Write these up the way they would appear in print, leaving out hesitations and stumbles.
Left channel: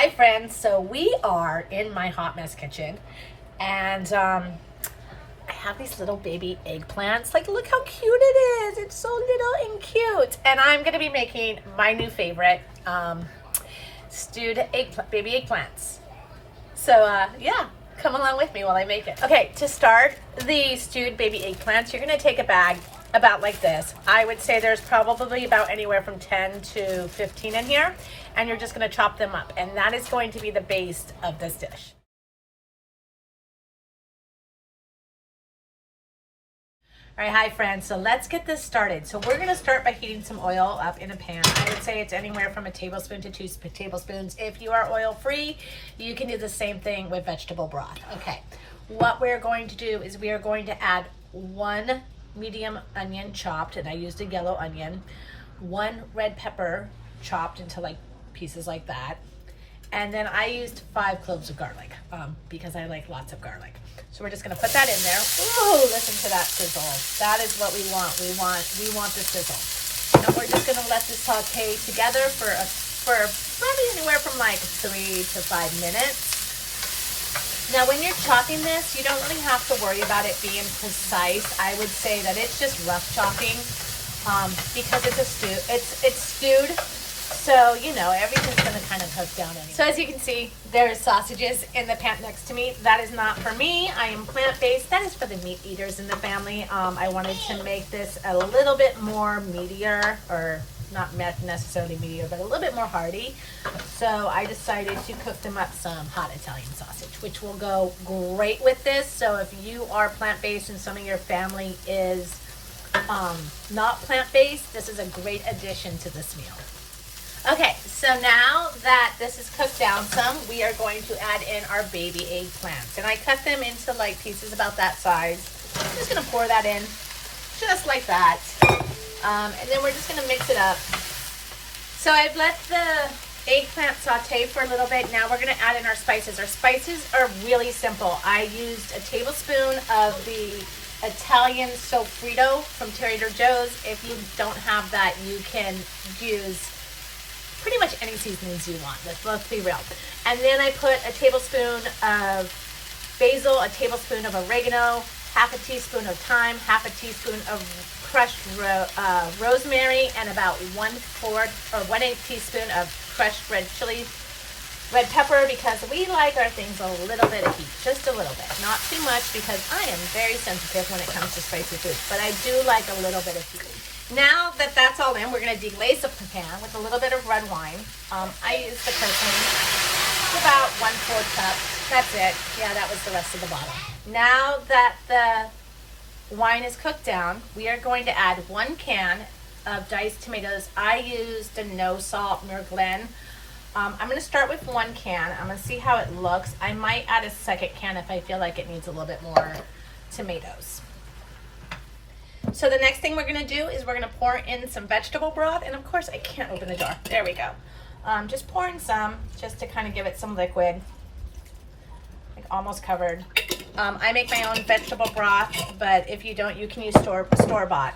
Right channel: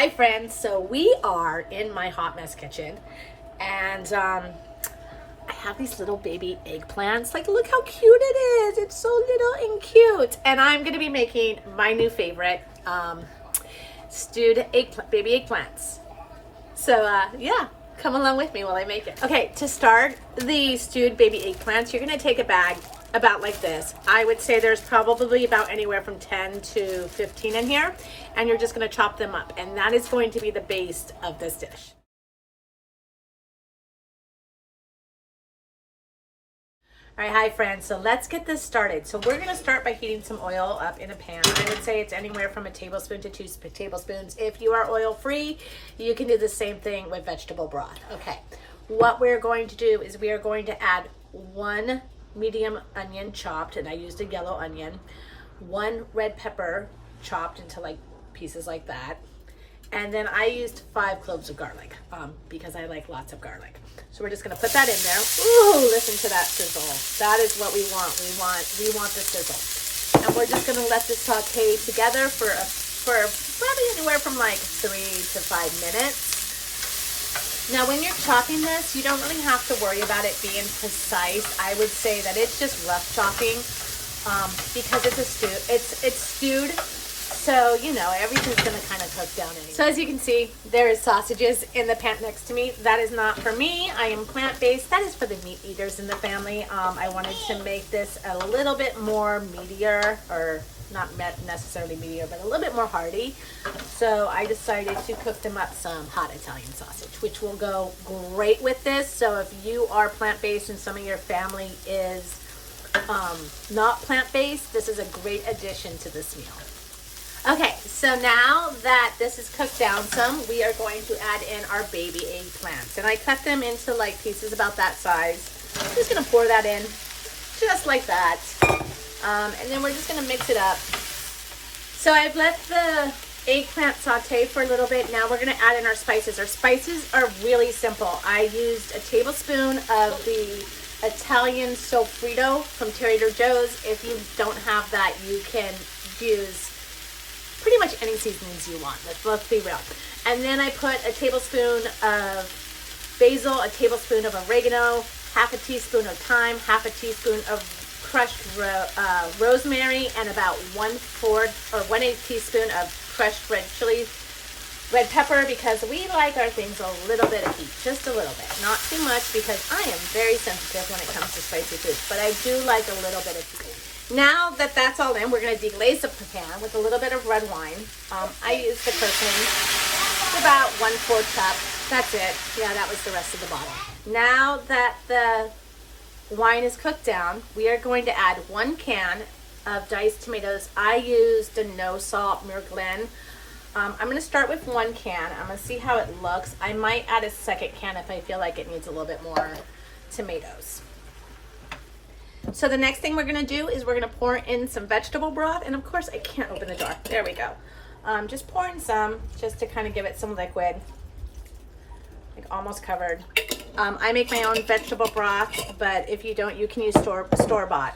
Hi friends, so we are in my hot mess kitchen and I have these little baby eggplants. Like, look how cute it is. It's so little and cute. And I'm gonna be making my new favorite, stewed baby eggplants. So yeah, come along with me while I make it. Okay, to start the stewed baby eggplants, you're gonna take a bag about like this. I would say there's probably about anywhere from 10 to 15 in here, and you're just gonna chop them up, and that is going to be the base of this dish. All right, hi friends, so let's get this started. So we're gonna start by heating some oil up in a pan. I would say it's anywhere from a tablespoon to 2 tablespoons. If you are oil free, you can do the same thing with vegetable broth. Okay, what we're going to do is we are going to add 1 medium onion chopped, and I used a yellow onion, 1 red pepper chopped into like pieces like that, and then I used 5 cloves of garlic because I like lots of garlic. So we're just gonna put that in there. Ooh, listen to that sizzle. That is what we want. We want the sizzle. And we're just gonna let this saute together for probably anywhere from like 3 to 5 minutes. Now, when you're chopping this, you don't really have to worry about it being precise. I would say that it's just rough chopping because it's a stew. It's stewed, so you know everything's gonna kind of cook down anyway. So as you can see, there's sausages in the pan next to me. That is not for me. I am plant-based. That is for the meat eaters in the family. I wanted to make this a little bit more meatier, or not necessarily meatier, but a little bit more hearty. So I decided to cook them up some hot Italian sausage, which will go great with this. So if you are plant-based and some of your family is not plant-based, this is a great addition to this meal. Okay, so now that this is cooked down some, we are going to add in our baby eggplants. And I cut them into like pieces about that size. I'm just gonna pour that in just like that. And then we're just gonna mix it up. So I've let the eggplant saute for a little bit. Now we're gonna add in our spices. Our spices are really simple. I used a tablespoon of the Italian sofrito from Trader Joe's. If you don't have that, you can use pretty much any seasonings you want. Let's be real. And then I put a tablespoon of basil, a tablespoon of oregano, half a teaspoon of thyme, half a teaspoon of crushed rosemary, and about 1/8 teaspoon of crushed red pepper, because we like our things a little bit of heat, just a little bit, not too much, because I am very sensitive when it comes to spicy food, but I do like a little bit of heat. Now that that's all in, we're going to deglaze the pan with a little bit of red wine. I used the curtain, about 1/4 cup. That's it. Yeah, that was the rest of the bottle. Now that the wine is cooked down, we are going to add 1 can of diced tomatoes. I used a no salt Merglen. I'm going to start with 1 can. I'm going to see how it looks. I might add a second can if I feel like it needs a little bit more tomatoes. So the next thing we're going to do is we're going to pour in some vegetable broth. And of course, I can't open the jar. There we go. Just pour in some just to kind of give it some liquid. Like almost covered. I make my own vegetable broth, but if you don't, you can use store-bought.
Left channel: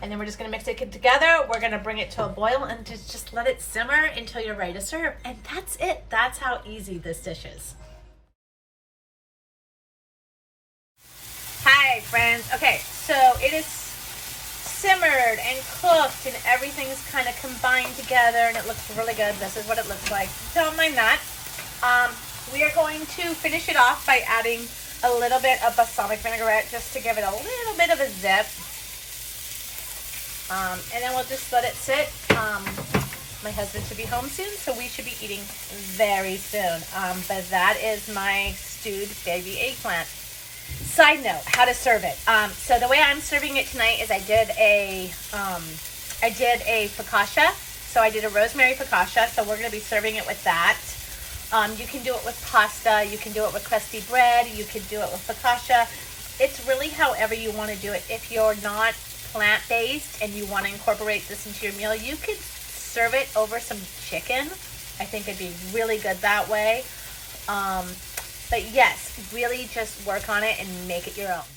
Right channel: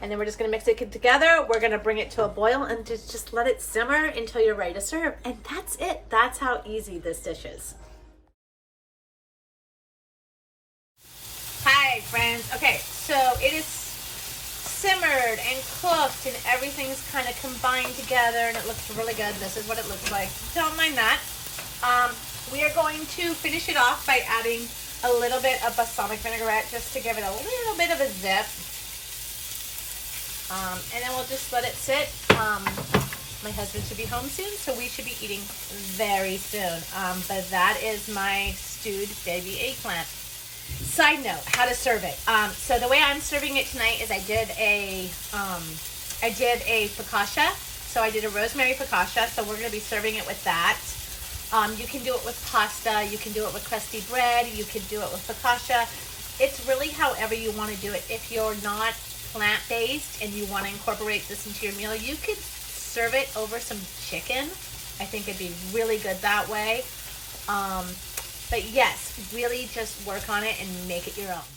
And then we're just going to mix it together. We're going to bring it to a boil and just let it simmer until you're ready to serve. And that's it. That's how easy this dish is. Hi friends. Okay, so it is simmered and cooked and everything's kind of combined together and it looks really good. This is what it looks like. Don't mind that. We are going to finish it off by adding a little bit of balsamic vinaigrette just to give it a little bit of a zip. And then we'll just let it sit. My husband should be home soon, so we should be eating very soon. But that is my stewed baby eggplant. Side note, how to serve it. So the way I'm serving it tonight is I did a focaccia. So I did a rosemary focaccia. So we're going to be serving it with that. You can do it with pasta. You can do it with crusty bread. You can do it with focaccia. It's really however you want to do it. If you're not plant-based and you want to incorporate this into your meal, you could serve it over some chicken. I think it'd be really good that way. But yes, really just work on it and make it your own.